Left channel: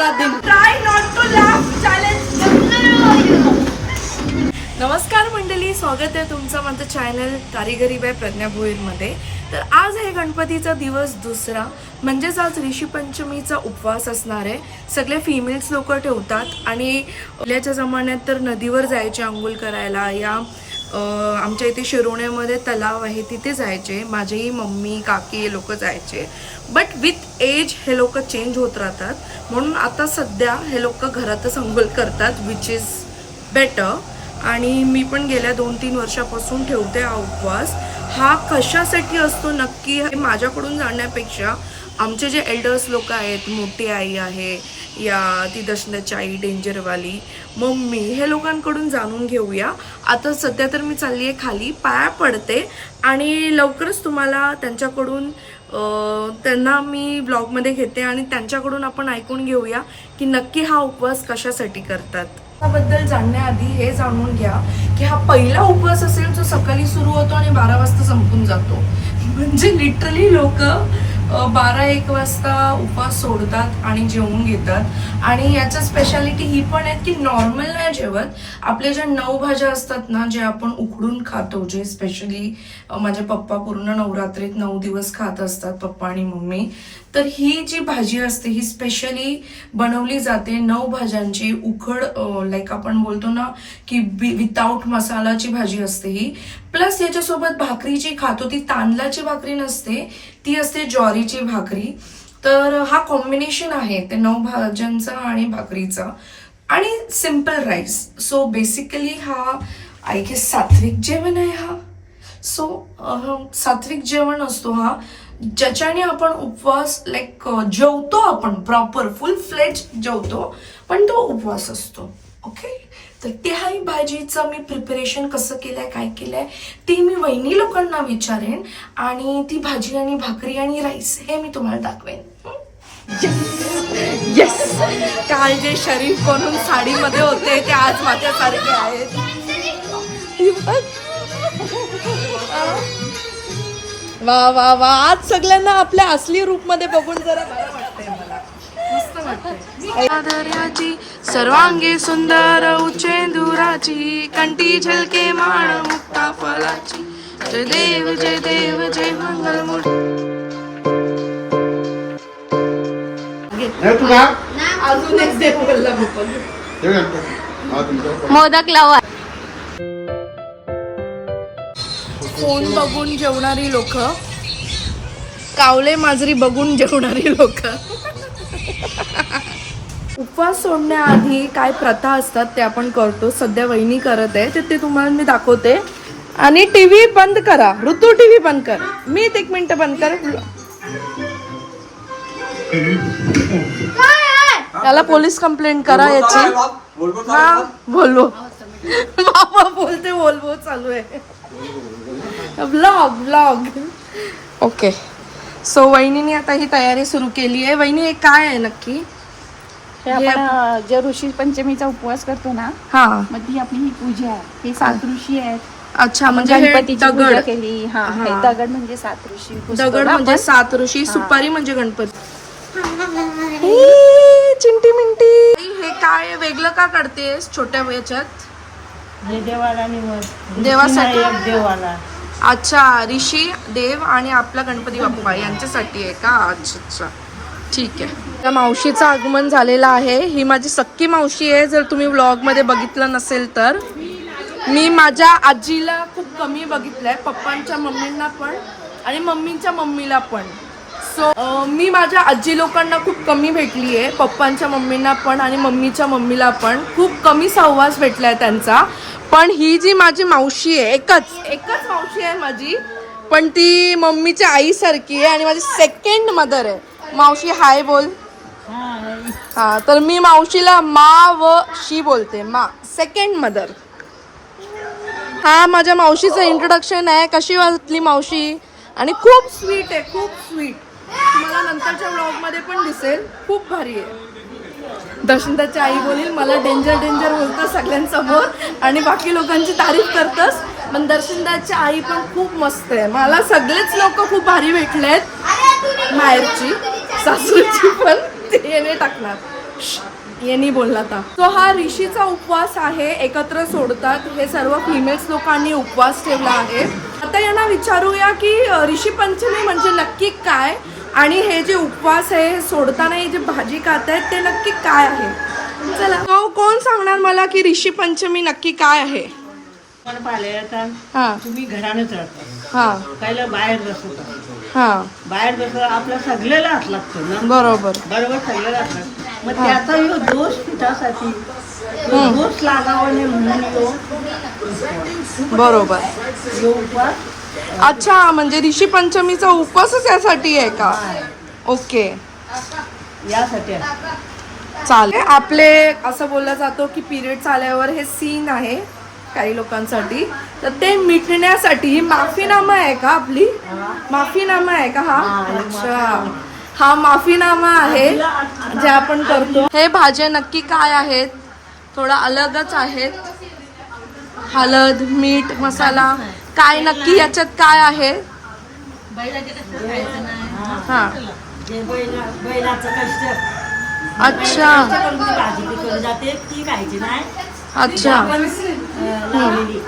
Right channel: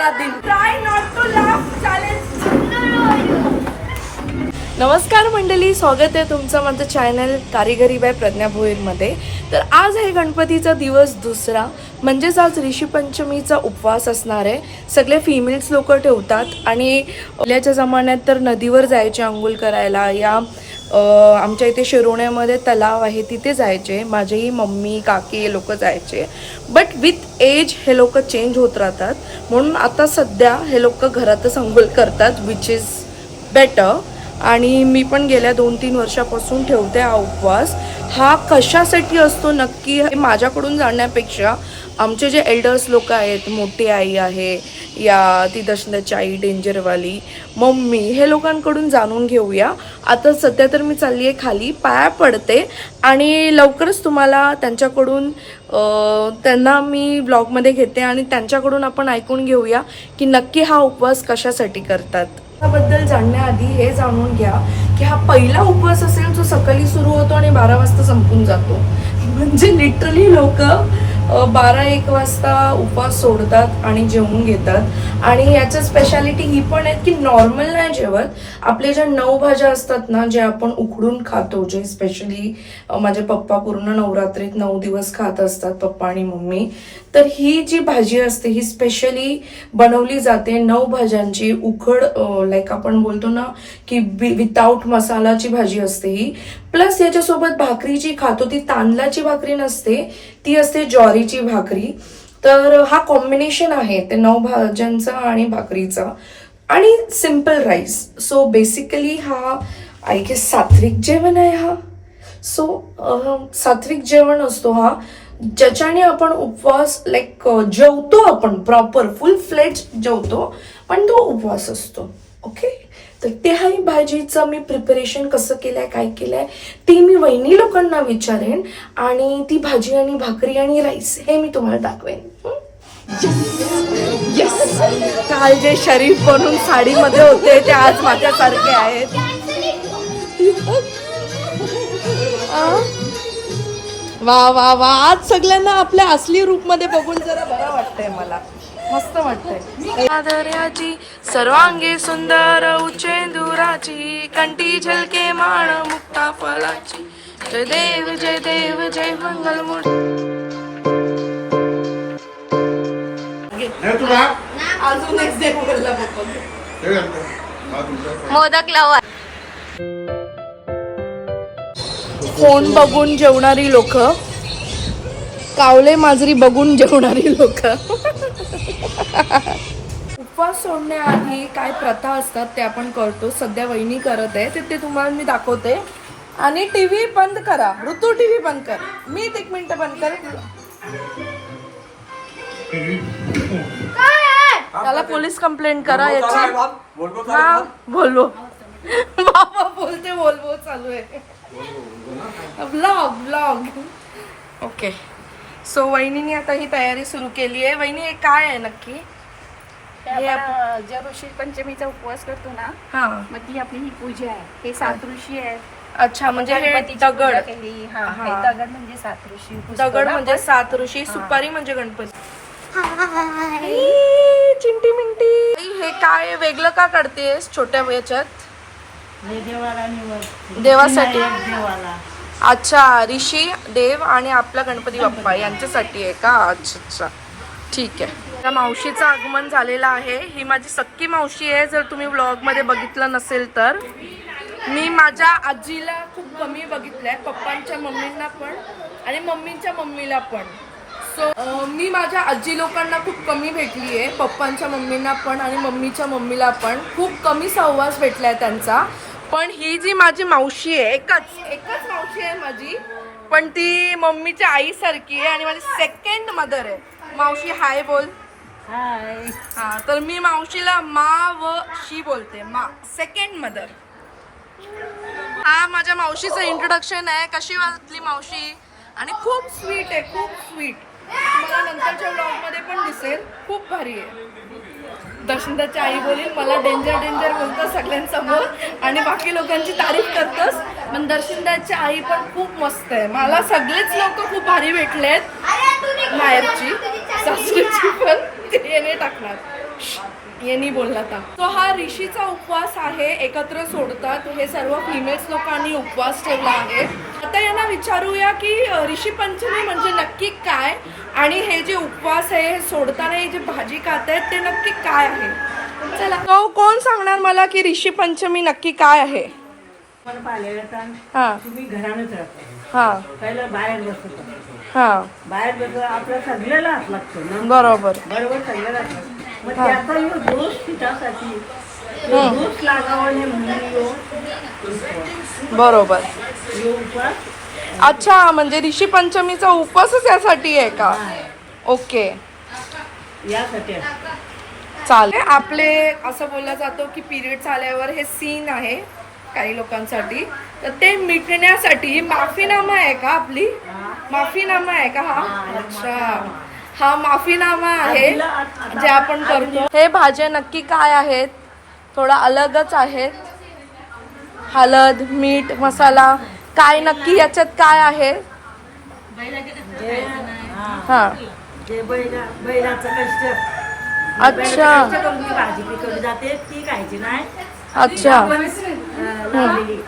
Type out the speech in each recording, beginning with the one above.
दूसरा दिन. Try not to laugh challenge. नमस्कार मंडळी, स्वागत आहे तुमचं माझं चॅनल कारिगरी बाय प्रज्ञा भोईरमध्ये. तर आज आहे गणपतीचा दिवस दुसरा, म्हणजेच आज ऋषी पंचमीचा उपवास असणार आहे. सगळे फिमेल्स लोक ठेवतात आणि पहिल्याच्या जमान्यात तर नदीवर जायचे आंघोळ करायला. या आमच्या इथे शिरोण्यामध्ये तलाव आहे, तिथे जायचे. माझेही मम्मी काकी हे लोक जायचे. बट विथ एज हे लोक चेंज होत राहतात, म्हणून आता सध्या हे लोक घरातच आंघोळ करतात, विच इज बेटर. आणि मी पण गेल्या 2-3 वर्षापासून ठेवते हा उपवास. हा कशासाठी असतो नक्की हे माझ्याकडून जाणण्यापेक्षा आमचे जे एल्डर्स लोक आहेत, मोठी आई आहे या ती दशनाची आई डेंजरवाली मम्मी, हे लोकांकडून जाणून घेऊया. आता सध्या तर मी चालली आहे खाली, पाया पडते आणि लवकरच तुम्हाला त्यांच्याकडून त्यांना मी ब्लॉगमध्ये घेते आणि त्यांच्याकडून आपण ऐकून घेऊया की नक्की हा उपवास कशासाठी करतात. बद्दल जाणण्याआधी हे जाणून घ्या की हा पहिला उपवास असेल जो सकाळी सुरू होतो आणि 12 वाजता संपून जातो. म्हणजे लिटरली लोक 12-1 वाजता उपवास सोडतात आणि जेवून घेतात. आणि याचं स्पेशालिटी ही पण आहे की नॉर्मल नाही जेवत. आपले ज्या 9 भाज्या असतात ना, जे आपण उकडून खातो, जे स्पेशली माझे पप्पा पूर्ण नवरात्रीत 9 दिवस खात असतात, पप्पा आणि मम्मी. तर ही जी भाजी असते ही स्पेशली बनवली जाते 9 भाज्यांची उकड, लाईक आपण बोलतो ना की विदाउट मसालाची भाजी असते ही. प्लस याच्यासोबत भाकरी जी खातो ती तांदळाची भाकरी नसते, ती असते ज्वारीची भाकरी. तर हा कॉम्बिनेशन आहे ते 9 भाज्यांचा आणि भाकरीचा आणि सिम्पल राईस. सो बेसिकली हा आय गेस सात्विक जेवण आहे हा. सो सात्विक जेवण असतो हा, ज्याच्याने आपण उपवास लाईक जेवतो, आपण प्रॉपर फुल फ्लेज जेवतो, पण तो उपवास असतो. ओके, तर ते हा भाजीचं मी प्रिपरेशन कसं केलंय, काय केलंय ते मी वहिनी लोकांना विचारेन आणि ती भाजी आणि भाकरी आणि राईस हे मी तुम्हाला दाखवेन. येस, काल जे शरीफ बनून साडीमध्ये होते ते आज माझ्यासारखे आहेत. वा वा वा, आज सगळ्यांना आपल्या असली रूपमध्ये बघून जरा बरं वाटतंय, मला मस्त वाटतंय. आदर्याची सर्वांगी सुंदर उच्चेंदुराची, कंठी झलके माळ मुक्ता फलाची, जय देव जय देव जय मंगल मूर्ती. अजून एक देव बोलला मोदक लावा. फोन बघून जेवणारी लोक, कावले माजरी बघून जेवणारी लोक. उपवास सोडण्याआधी काय प्रथा असतात ते आपण करतो. सध्या वहिनी करत आहे ते तुम्हाला मी दाखवते. आणि टीव्ही बंद करा, ऋतू टीव्ही बंद कर. मी 1 मिनिट बंद कर. त्याला पोलीस कंप्लेंट करा याची. हा बोलवो बाबा, बोलते बोलवो चालू आहे ब्लॉग. ओके, सो वहिनीने आता ही तयारी सुरू केली आहे. वहिनी हे काय आहे नक्की? हे आपण जे ऋषी पंचमीचा उपवास करतो ना, हा, मग ती आपली ही पूजा आहे. हे 7 ऋषी आहेत. अच्छा, म्हणजे हे दगड केली. हा, हे दगड म्हणजे 7 ऋषी. दगड म्हणजे 7 ऋषी. सुपारी म्हणजे गणपती. चिंटी मिंटी, हे काय वेगळं का करतेस छोट्या याच्यात? देवासाठी. अच्छा, ऋषी देव आणि आपला गणपती बाप्पा यांच्यासाठी आहे का? अच्छा अच्छा, ठीक आहे. त्या मावशीचं आगमन झालेलं आहे. ही माझी सक्की मावशी आहे. जर तुम्ही व्लॉगमध्ये बघितलं नसेल तर मी माझ्या आजीला खूप कमी बघितलंय, पप्पांच्या मम्मींना पण आणि मम्मींच्या मम्मीला पण. सो मी माझ्या आजी लोकांना खूप कमी भेटली आहे, पप्पांच्या मम्मींना पण आणि मम्मीच्या मम्मीला पण खूप कमी सहवास भेटलाय त्यांचा. पण ही जी माझी मावशी आहे, एकच मावशी आहे माझी, पण ती मम्मीच्या आईसारखी आहे आणि माझी सेकंड मदर आहे. मावशी हाय बोल. हा, तर मी मावशीला मा व शी बोलते, मा, सेकंड मदर. हा माझ्या मावशीचं इंट्रोडक्शन आहे. कशी वाटली मावशी? आणि खूप स्वीट आहे, खूप स्वीट. तुम्हाला नंतरच्या व्लॉगमध्ये पण दिसेल, खूप भारी आहे. दशरथाची आई बोलील मला डेंजर बोलतो सगळ्यांसमोर आणि बाकी लोकांची तारीफ करतस. पण दर्शनदाची आई पण खूप मस्त आहे. मला सगळेच लोक खूप भारी भेटलेत. माहेरची, सासूची पण ते टाकणार. ये नाही बोलला था. तो हा ऋषीचा उपवास आहे, एकत्र सोडतात. हे सर्व फिमेल्स लोकांनी उपवास ठेवला आहे. आता यांना विचारूया की ऋषी पंचमी म्हणजे नक्की काय आणि हे जे उपवास आहे हे सोडताना हे जे भाजी खातायत ते नक्की काय आहे. चला, तो कोण सांगणार मला की ऋषी पंचमी नक्की काय आहे. मला पाहिलं हा तुम्ही घरानच राहता, हा पहिलं बाहेर बसत हा बाहेर बसत आपल्या सगळ्याला हात लागतो ना, बरोबर. बरोबर सगळ्याला हात लागतो. मग त्याचा ह्यो दोष तिच्यासाठी दोष लागावा नाही म्हणून बरोबर. ह्यो उपवास अच्छा, म्हणजे ऋषी पंचमीचा उपवासच यासाठी आहे का. ओके, यासाठी आहे. चालेल. आपले असं बोललं जातो की पिरियड आल्यावर हे सीन आहे काही लोकांसाठी, तर ते मिटण्यासाठी माफीनामा आहे का आपली. माफीनामा आहे का हा. अच्छा, हा माफीनामा आहे जे आपण करतो. हे भाज्या नक्की काय आहेत, थोडा अलगच आहेत. हळद, मीठ, मसाला काय नक्की याच्यात काय आहे. हा, जे बैलाचं कष्ट अच्छा करून ती भाजी पिकवली जाते ती खायची नाही. अच्छा, आपण लावलेली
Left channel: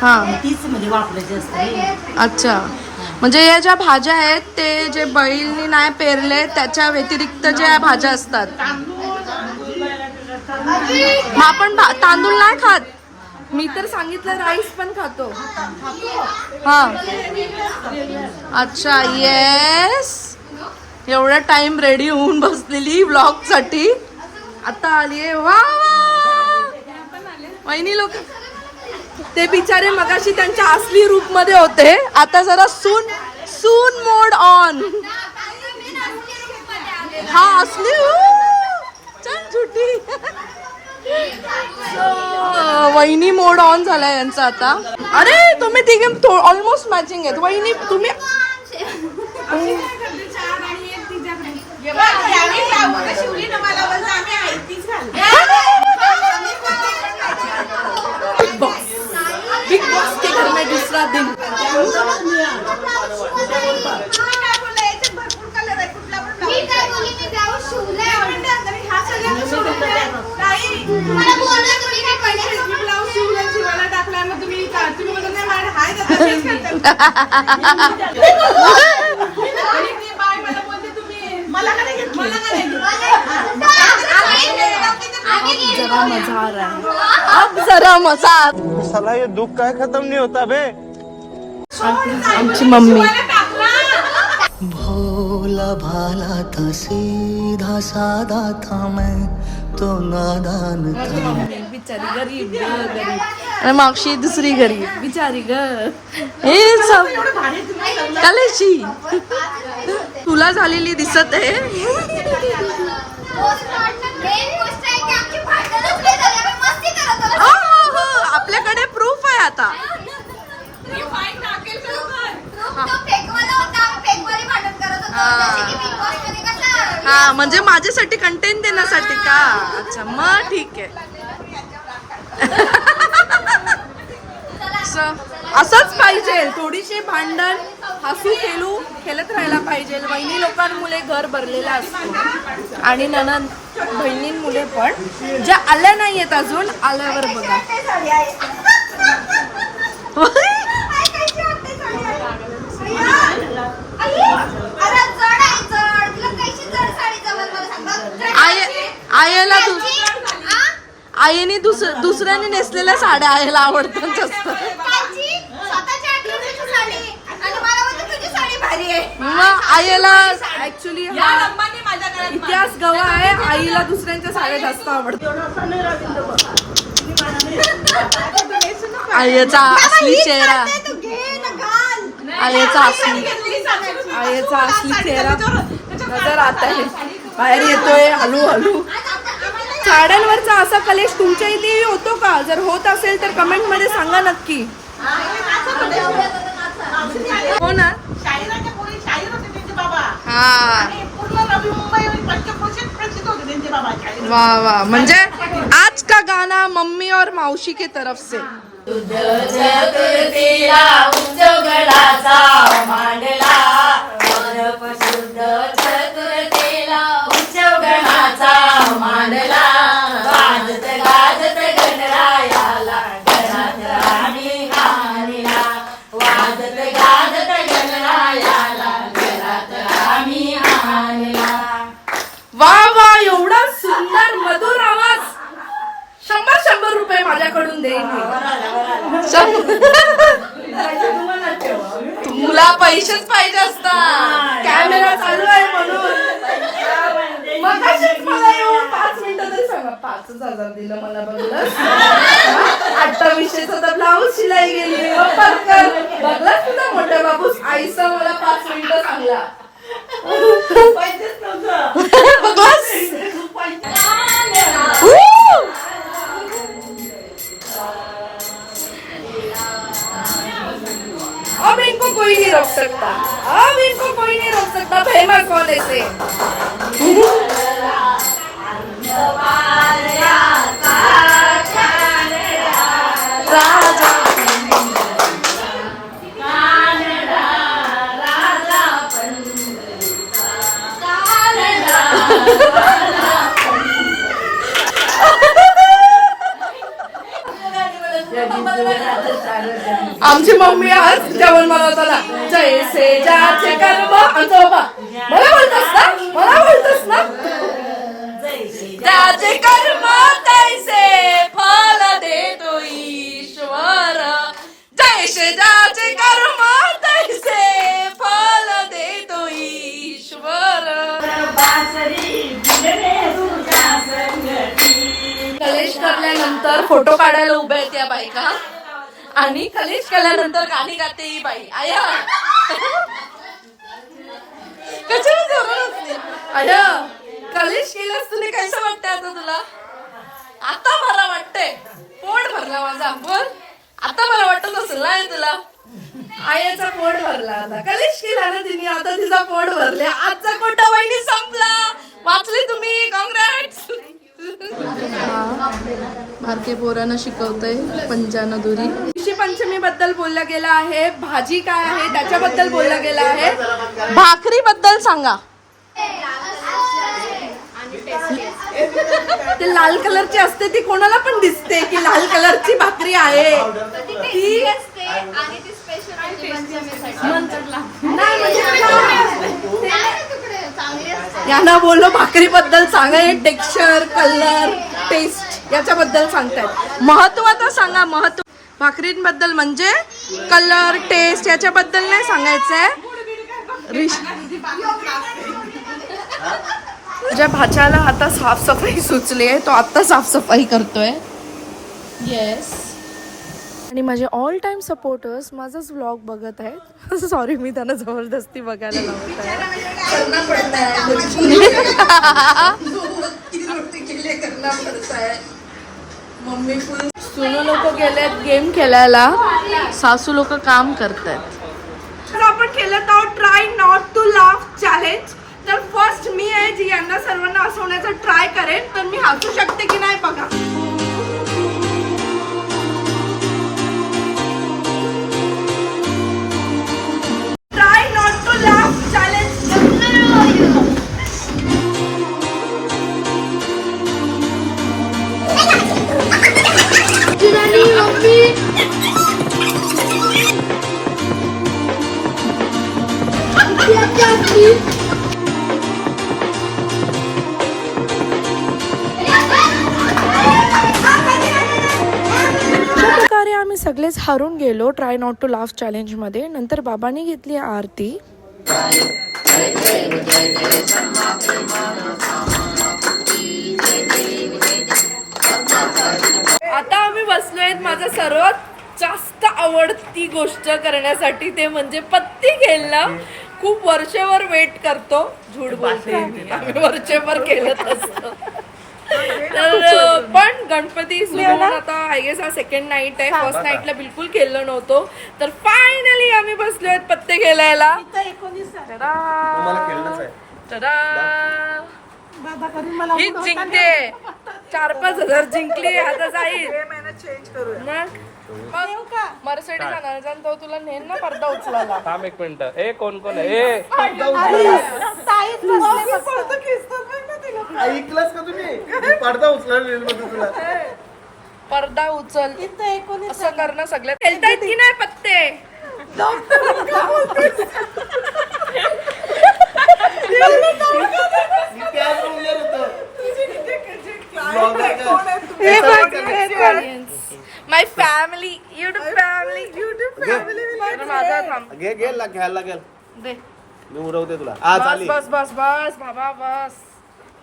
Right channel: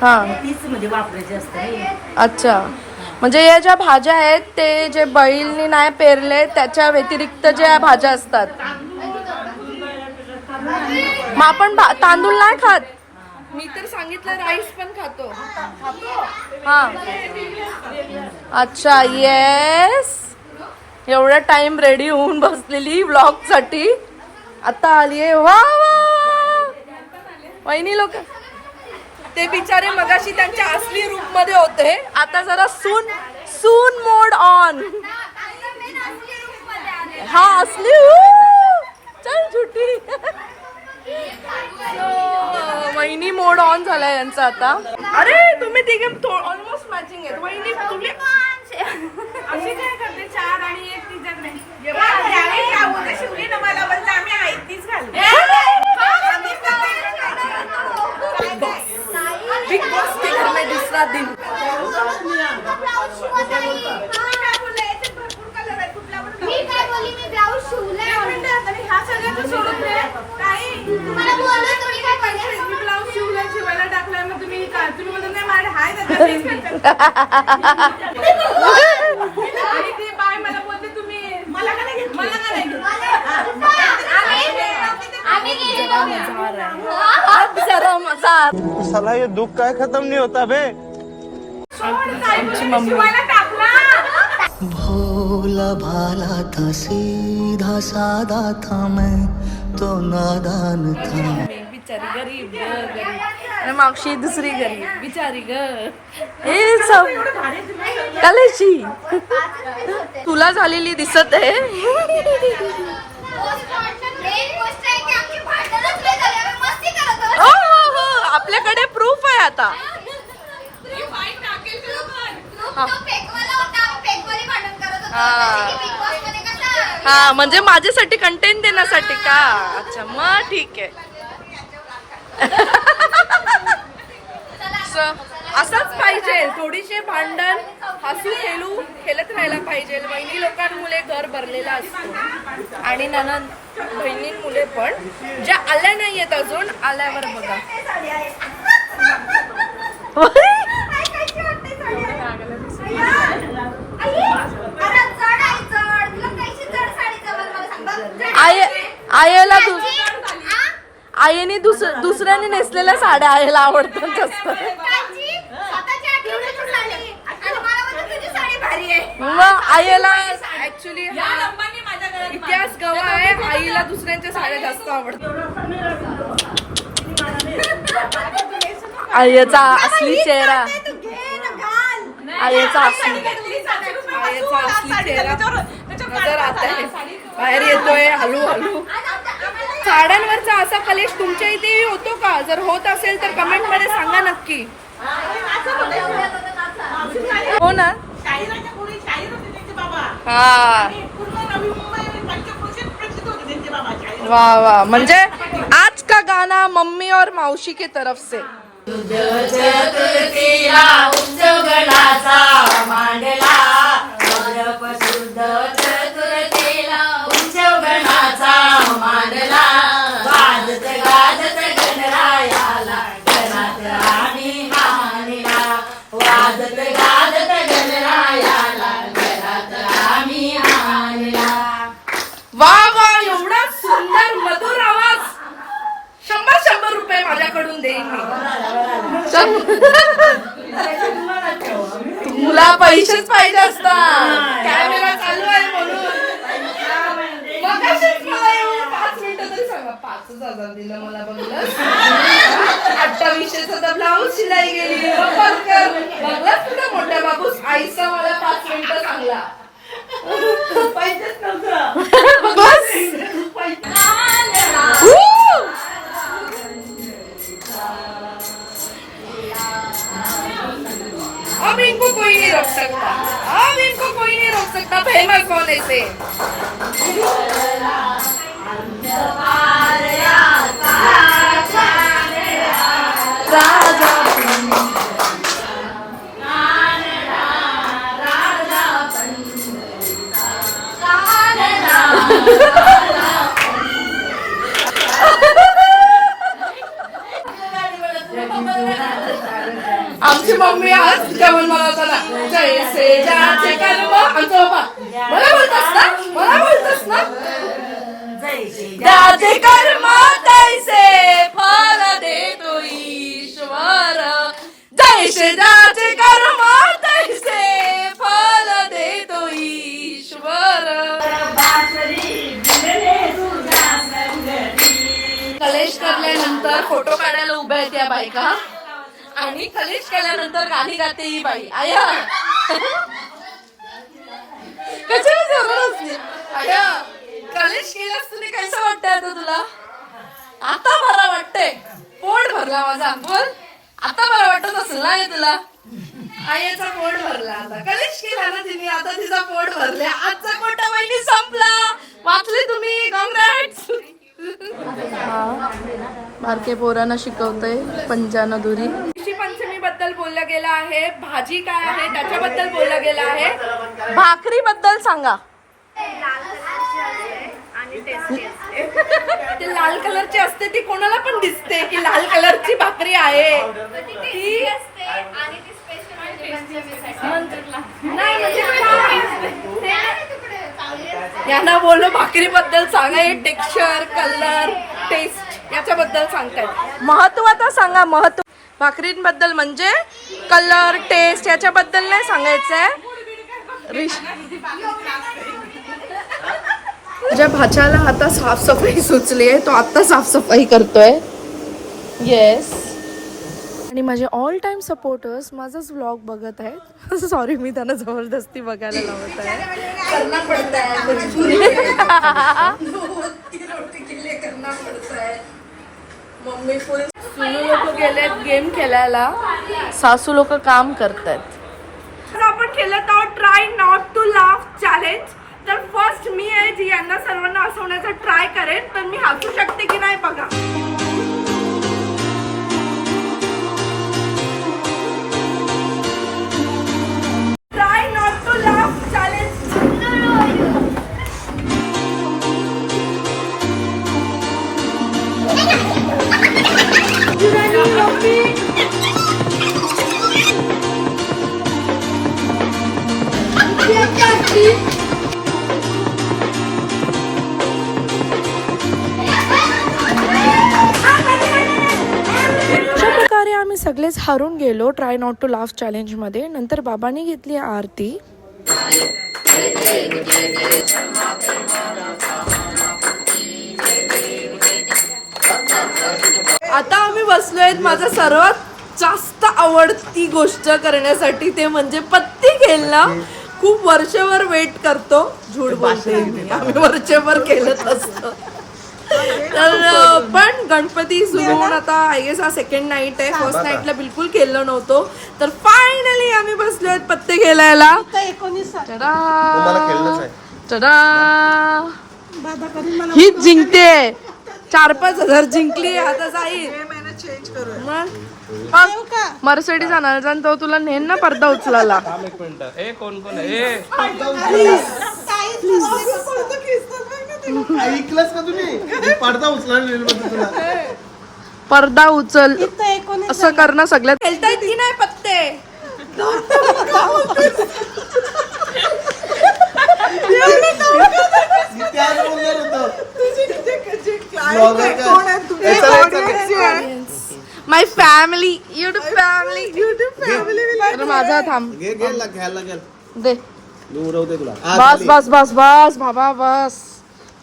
हा, तीच म्हणजे वापरायची असते. अच्छा. म्हणजे या ज्या भाज्या आहेत ते जे बैलनी नाही पेरले त्याच्या व्यतिरिक्त ज्या भाज्या असतात. मग आपण तांदूळ नाही खात. मी तर सांगितलं राईस पण खातो. हा, अच्छा, येस. एवढा टाइम रेडी होऊन बसलेली व्लॉग साठी, आता आलीये. वा वहिनी लोक ते बिचारे मगाशी त्यांच्या असली रूप मध्ये होते, आता जरा सून सून मोड ऑन. हा, असली चल झुटी. वहिनी मोड ऑन झालाय यांचा आता. अरे तुम्ही तिघे ऑलमोस्ट मॅचिंग आहेत. वहिनी तुम्ही बिग बॉस के घर में दूसरा दिन. जरा मजा आ रहा है, अब जरा मजा. साला ये दुख का खत्म नहीं होता बे. आमची मम्मी भोला भाला था, सीधा सादा था, मैं तो नादान था. बिचारी गरीब गरीब आणि मावशी दुसरी गरीब बिचारी ग. हे सब कलेशी तुला झालेली दिसत आहे. हो, हो, हो, आपल्याकडे प्रूफ आहे आता. हा, म्हणजे माझ्यासाठी कंटेंट देण्यासाठी का. अच्छा, मग ठीक आहे. असंच पाहिजे, थोडीशी भांडण हसू खेळत राहायला पाहिजे. वहिनी लोकांमुळे घर भरलेलं असतो आणि ननंद बहिणींमुळे पण, ज्या आल्या नाहीयेत अजून, आल्यावर बघा. आईला आईने दुसऱ्याने नेसलेल्या साड्या आईला आवडतात जास्त. मग आईला ऍक्च्युली इतिहास गवा आहे, आईला दुसऱ्यांच्या साड्या जास्त आवडतात. आईचा असली चेहरा, आईचा असली चेहरा नजर आता है, बाहेर येतोय हळू हळू. साड्यांवरचा असा कलेश तुमच्या इथे होतो का. जर होत असेल तर कमेंट मध्ये सांगा नक्की. हो ना. हा, वाह वाह. म्हणजे आज का गाना मम्मी और मौसी की तरफ से. मांडला वा वा, एवढा सुंदर मधुर आवाज. 100 रुपये माझ्याकडून देईन मी. तुला पैसेच पाहिजे असतात, कॅमेरा चालू आहे म्हणून. मग मला येऊन 5 मिनिटं तरी सांगा. 5,000 दिलं मला बघलंस. 2800चा तर ब्लाऊज शिलाई गेली. बघलंस तुझा मोठ्या बाबूस आईचा मला 5 मिनिटं सांगला. पैसेच नव्हतं. बघलंस. अब इनको कोई नहीं रोक सकता. अब इनको कोई नहीं रोक सकता. फेमस कौन है से? राजा आमची मम्मी आज जेवण बनवताना जैसे ज्याचे कर्म. मला बोलतस ना, मला बोलतस ना. ज्याचे कर्म तैसे फल देतो ईश्वर. जैसे ज्याचे कर्म तैसे फल देतो ईश्वर. कलेश करल्यानंतर फोटो काढायला उभ्या आहेत या बायका आणि कलेश केल्यानंतर गाणी गाते ही बाई. आया कशाला जोरात असली. आया कलेश केल्यास तुम्ही कसं वाटतंय आता तुला? आता बरं वाटतंय. पोट भरला माझा. बोल आता बरं वाटत असेल ना हे तुला. आयाचा पोट भरला. आता कलेश केला ना तिने, आता तिचा पोट भरले. आजचा कोटा महिने संपला. वाचले तुम्ही. कॉंग्रॅट्स. बारके पोरांना शिकवतय पंजाना दुरी. ऋषी पंचमी बद्दल बोललं गेलं आहे. भाजी काय आहे त्याच्याबद्दल बोललं गेलं आहे. भाकरी बद्दल सांगा. ते लाल कलरची असते ती कोणाला पण दिसते की लाल कलरची भाकरी आहे ती. नाही म्हणजे यांना बोललो भाकरी बद्दल सांगा. हे टेक्स्चर, कलर, टेस्ट याच्याबद्दल सांगतायत. महत्व तर सांगा. महत्व भाकरींबद्दल म्हणजे कलर, टेस्ट याच्याबद्दल नाही सांगायचंय. माझ्या भाच्याला आता साफसफाई सुचली आहे. तो आता साफसफाई करतोय. येस. आणि माझे ऑल टाइम सपोर्टर्स माझाच व्लॉग बघत आहेत. सॉरी मी त्यांना जबरदस्ती बघायला लावत आहे. मम्मी पुढे सुनो लोक गेलेत गेम खेळायला. सासू लोक काम करतायत. तर आपण केलं तर try not to laugh challenge. तर फर्स्ट मी आहे जी यांना सर्वांना हसवण्याचा ट्राय करेन. तर मी हसू शकते की नाही बघा. Try not to laugh challenge. आम्ही सगळेच हारून गेलो try not to laugh challenge मध्ये. नंतर बाबांनी घेतली आरती. आता आम्ही बसलोय माझा सर्वात जास्त आवडती गोष्ट करण्यासाठी, ते म्हणजे पत्ती खेळणं. खूप वर्षभर वेट करतो. झूट बोलते मी, आम्ही वर्षभर केलंच असतं. तर पण गणपती सुरू होऊन आता आय गेस हा सेकंड नाईट आहे. फर्स्ट नाईटला बिलकुल खेळलो नव्हतो. तर फायनली आम्ही बसलोय पत्ते खेळायला. ही जिंकते. 4-5 हजार जिंकली. आता जाईल मग मर्सिडीज आणायचा आणि तो तुला नेन ना पडदा उचलायला. ऐकलंस का तुम्ही? पडदा उचला तुला. पडदा उचल असं करणं सगळ्यात. खेळतायत की नाही पत्ते? त्याच बोलले थांब घे घ्यायला लागेल दे मी उडवते तुला बस बस बस बस बाबा बस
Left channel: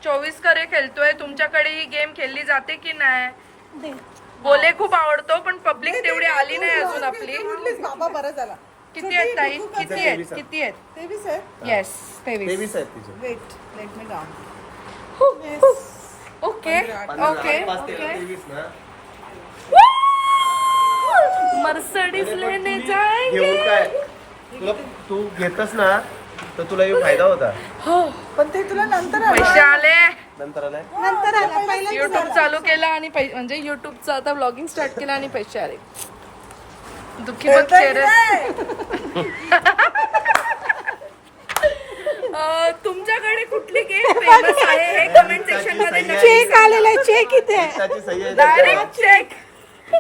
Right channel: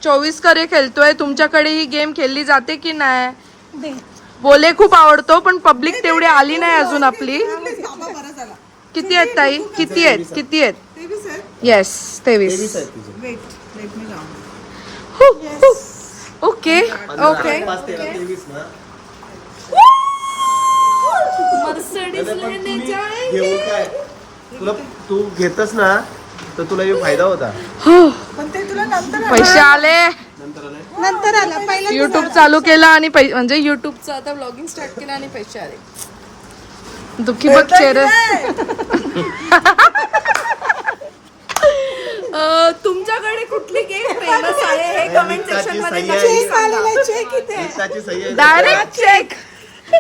24 करे खेळतोय तुमच्याकडे ही गेम खेळली जाते की नाही बोले खूप आवडतो पण पब्लिक तेवढी आली नाही अजून आपली किती आहेत ताई किती आहेत येस 23 ओके ओके मर्सिडीज लेने जाएंगे घेऊन काय तुला तू घेतस ना तर तुला एक फायदा होता पैसे आले नंतर आलाय युट्यूब चालू केला आणि म्हणजे युट्यूबचं आता ब्लॉगिंग स्टार्ट केलं आणि पैसे आले दुःखी बघ चेहरे तुमच्याकडे कुठली गेम फेमस आहे हे कमेंट सेक्शन मध्ये नक्की सांगा. त्याची सही आहे. डायरेक्ट चेक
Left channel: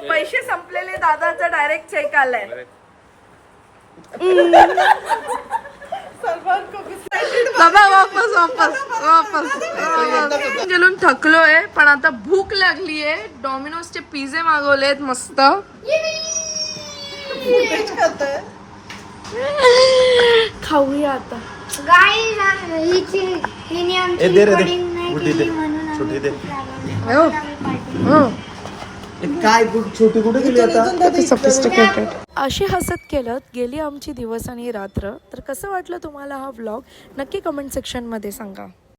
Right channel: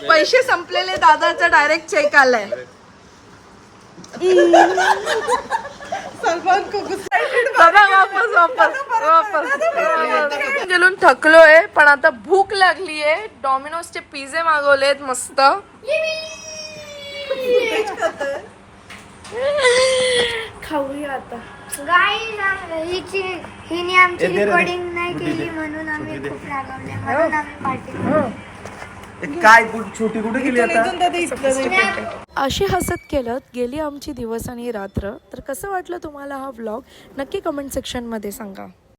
पैसे संपलेले दादाचा डायरेक्ट चेक आलाय बाबा वापस वापस वापस गेलून थकलोय पण आता भूक लागलीये डॉमिनोजचे पिझ्झे मागवलेत मस्त खाऊया आता हिने आमची दे रे, दे. रेकॉर्डिंग नाही कुठे केली दे? म्हणून आम्ही कुठे दे? खूप रागावले म्हणून आम्ही पार्टी काय छोटी कुठे गेली आता सफिस्टिकेटेड अशी हसत केलत गेली आमची दिवस आणि रात्र तर कसं वाटलं तुम्हाला हा व्लॉग नक्की कमेंट सेक्शन मध्ये सांगा.